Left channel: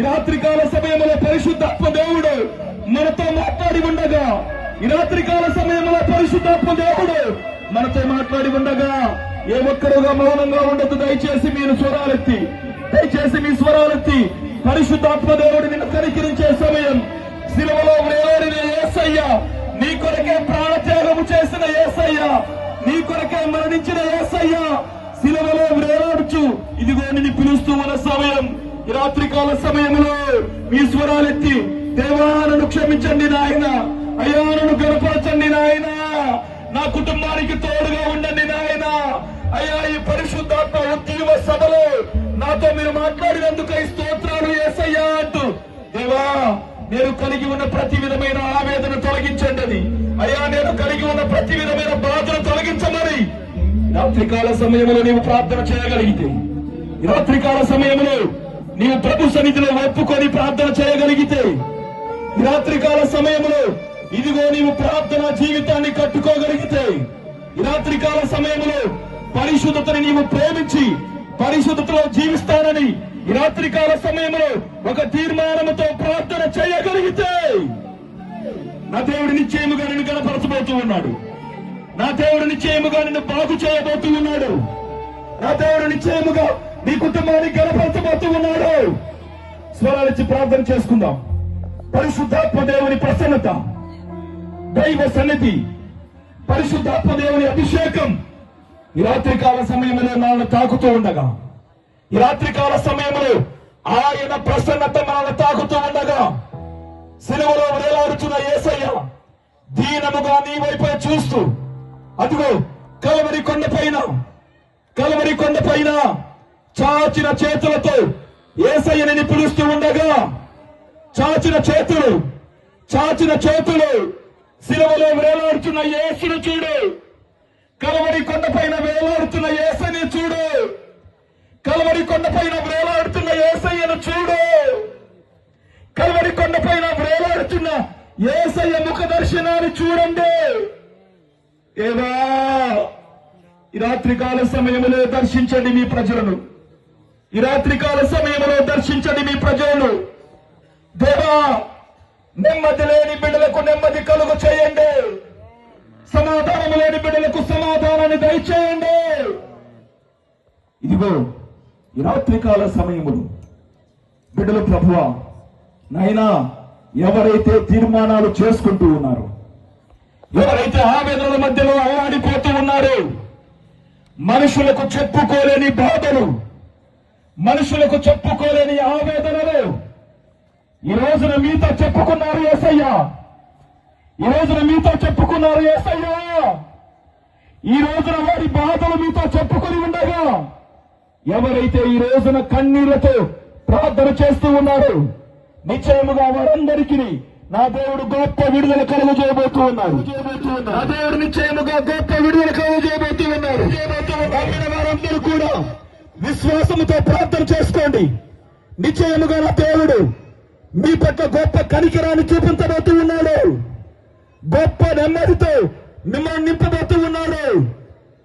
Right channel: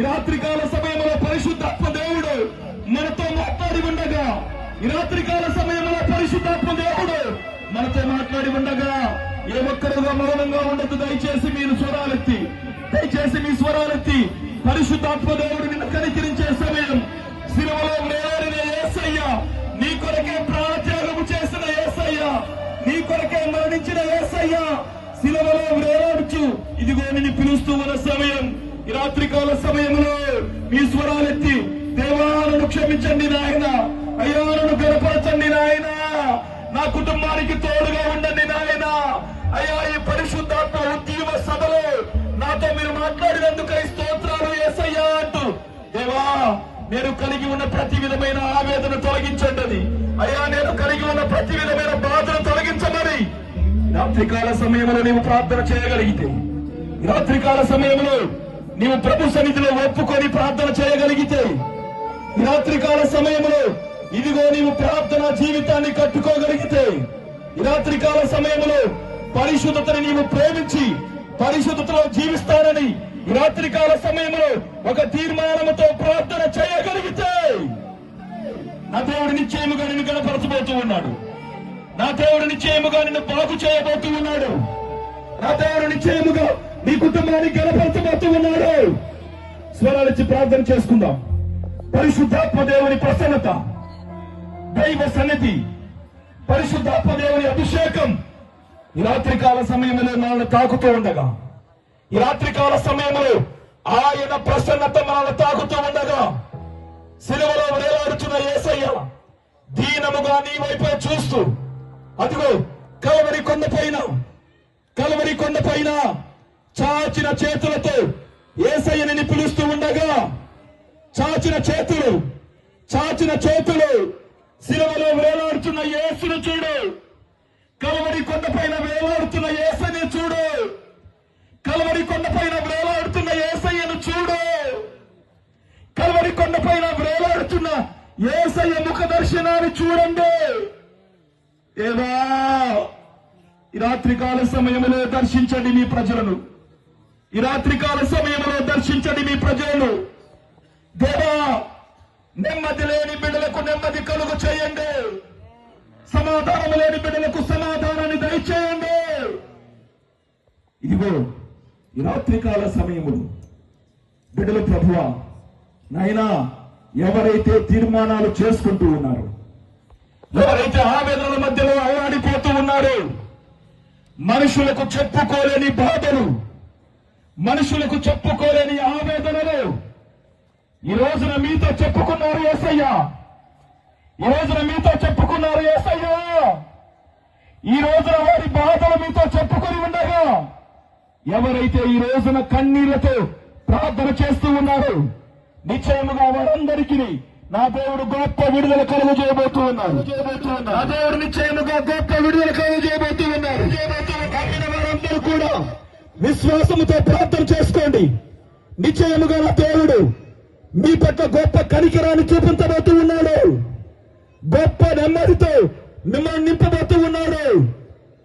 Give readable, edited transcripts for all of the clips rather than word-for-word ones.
ఈ రాత్రికాల సమయంలో పరిశుద్ధాత్మ దేవుడు మనతో మాట్లాడి ఉండగా, ఈ రాత్రికాల సమయంలో పరిశుద్ధాత్మ దేవుడు మనతో మాట్లాడి ఉండగా ఏ ఒక్కరుగా మౌనంగా ఉండదు. దయచేసి మీరు స్వరాలెత్తి, దయచేసి మీ స్వరాలెత్తి పరిశుద్ధాత్మ దేవుడు నిన్ను కనికరించే సమయం. శిలువలో వేలాడిన యేసయ్య, నీ కొరకే ప్రాణత్యాగము చేసిన యేసయ్య, నీ కొరకే మరణించిన యేసయ్య శిలువలో వేలాడుచు ఇదిగో నిన్ను పిలుస్తూ ఉన్న సమయం. ఈ రాత్రికాల సమయంలో మీ స్వరాలెత్తి దేవా నన్ను క్షమించండి నాయన, అయ్యా నన్ను గడపరచండి నాయన, నా కుటుంబానికి తోడుగా ఉండండి నాయన, అయ్యా ఈ పరిశుద్ధాత్మ ఉద్యమ సభలో నాతో మీరు మాట్లాడినందుకై స్తోత్రాలు యేసయ్యా అంటూ, దేవా నేను కలిగి ఉన్న ప్రతి విధమైన ఆవేదన తొలగించండి, అయ్యా నేను కలిగి ఉన్న ప్రతి విధమైన బాధను తొలగించమని రాత్రికాల సమయంలో నీవు ప్రార్థన చేయగలిగితే, ఈ రాత్రికాల సమయంలో నీవు ప్రభు సన్నిధిలో ఒప్పుకొని ప్రార్థన చేయగలిగితే, ఈ రాత్రికాల సమయంలో ఇదిగో నీవు ప్రార్థన జీవితాన్ని కట్టుకోగలిగితే, ఈ రాత్రికాల సమయంలో పరిశుద్ధతని నీవు ప్రేమించి పరిశుద్ధతలో జీవిస్తానని ఈ రాత్రికాల సమయంలో ఒక తీర్మానంతో ప్రార్థన చేయగలిగితే, నా దేవుడు నిశ్చయముగా నిన్ను గణపరచబోతూ ఉన్నాడు. నా దేవుడు నిశ్చయముగా నిన్ను బాగు చేయబోతూ ఉన్నాడు. నా దేవుడు నిశ్చయముగా నీ కుటుంబాన్ని గణపరచబోతూ ఉన్నాడు. స్వరాలిచ్చి ప్రార్థన చేసుకుందాం. పరిశుద్ధాత్మ దేవుని ప్రసన్నత, దైవ సన్నిధి, పరిశుద్ధాత్మ దేవుని అభిషేకం ఈ రాత్రికాల సమయంలో మనల్ని తాకుతూ ఉండగా, ఈ రాత్రికాల సమయంలో ఆయన ప్రసన్నత మనల్ని తాకుతూ ఉండగా, శిలువలో వేలాడుతున్న యేసయ్య దీనముగా నీ వైపే చూస్తూ అదిగో కలవరి కొండ పైన చాచిన చేతులతో యేసయ్యని పిలుస్తూ ఉండగా, చాచిన చేతులు శిలువలో వేలాడుతున్న యేసును చూడు, కలవరి కొండ పైన వేలాడుతున్న యేసయ్యని చూడు, కలవరి కొండ పైన వేలాడుతున్న యేసయ్యను చూడు, కలవరి కొండ పైన వేలాడుతున్న యేసయ్య ముఖ దర్శనాన్ని చూడండి. ఏవా ఈ రాత్రికాల సమయంలో దర్శించండి మీ ప్రజలను, ఈ రాత్రికాల సమయంలో దర్శించండి మీ ప్రజలను. దేవా నెమ్మది లేని బిడ్డలకు నెమ్మది కలుగు చేయండి, సమాధానం లేని బిడ్డలకు సమాధానాన్ని దయచేయండి. ఇదిగో ఈ రాత్రికాల సమయములు బిడ్డలు ప్రభువా నాయనా, ఎవరైతే తీర్మానాలు చేసుకుంటూ ఉన్నారు, ఎవరైతే ఆవేదనల మధ్యలో అల్లాడిపోతూ ఉన్నారు, మనుషులకు చెప్పుకోలేని బాధలు, మనుషులకు చెప్పుకోలేని ఆవేదనలు ఈ రోజున మీతో చెప్పుకున్నారు యేసయ్య, ఈ రోజున మీతో చెప్పుకున్నారు యేసయ్య, ఈ రోజున వారి బాధలు మీతో చెప్పుకొని ఉండగా, ఎవరైతే ఈ రోజున కన్నీళ్లతో ప్రార్థన చేస్తూ ఉన్నారు, నిశ్చయముగా వారందరికీ నా దేవుడు గొప్ప విడుదల కలుగు చేయబోతూ ఉన్నారు. నా దేవుడు నిశ్చయముగా గొప్ప విడుదల కలుగు చేయబోతూ ఉన్నారు. వారందరూ కూడా విశ్వాసముతో ప్రార్థన చేసుకోండి. నిశ్చయముగా నా దేవుడు మీ పట్ల గొప్ప కనికరాన్ని చూపించబోతూ ఉన్నాడు. గొప్ప నెమ్మదితో మిమ్మల్ని నింపబోతూ ఉన్నాడు.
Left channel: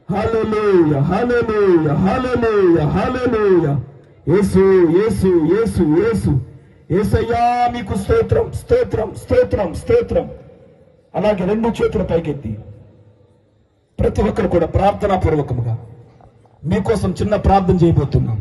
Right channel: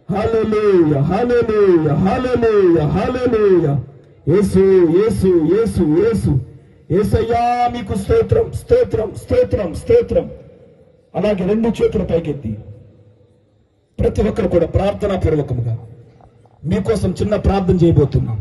హల్లెలూయా, హల్లెలూయా, హల్లెలూయా, హల్లెలూయా. యేసు యేసు యేసు యేసు యేసయ్యా మీకు స్తోత్రం, స్తోత్రం, స్తోత్రం, స్తోత్రం. అలాగే రెండు చేతులు పైకెత్తి ప్రతి ఒక్కరు కూడా ప్రార్థనా పూర్వకముగా మీకోసం చిన్న ప్రార్థన చేయబోతున్నాం.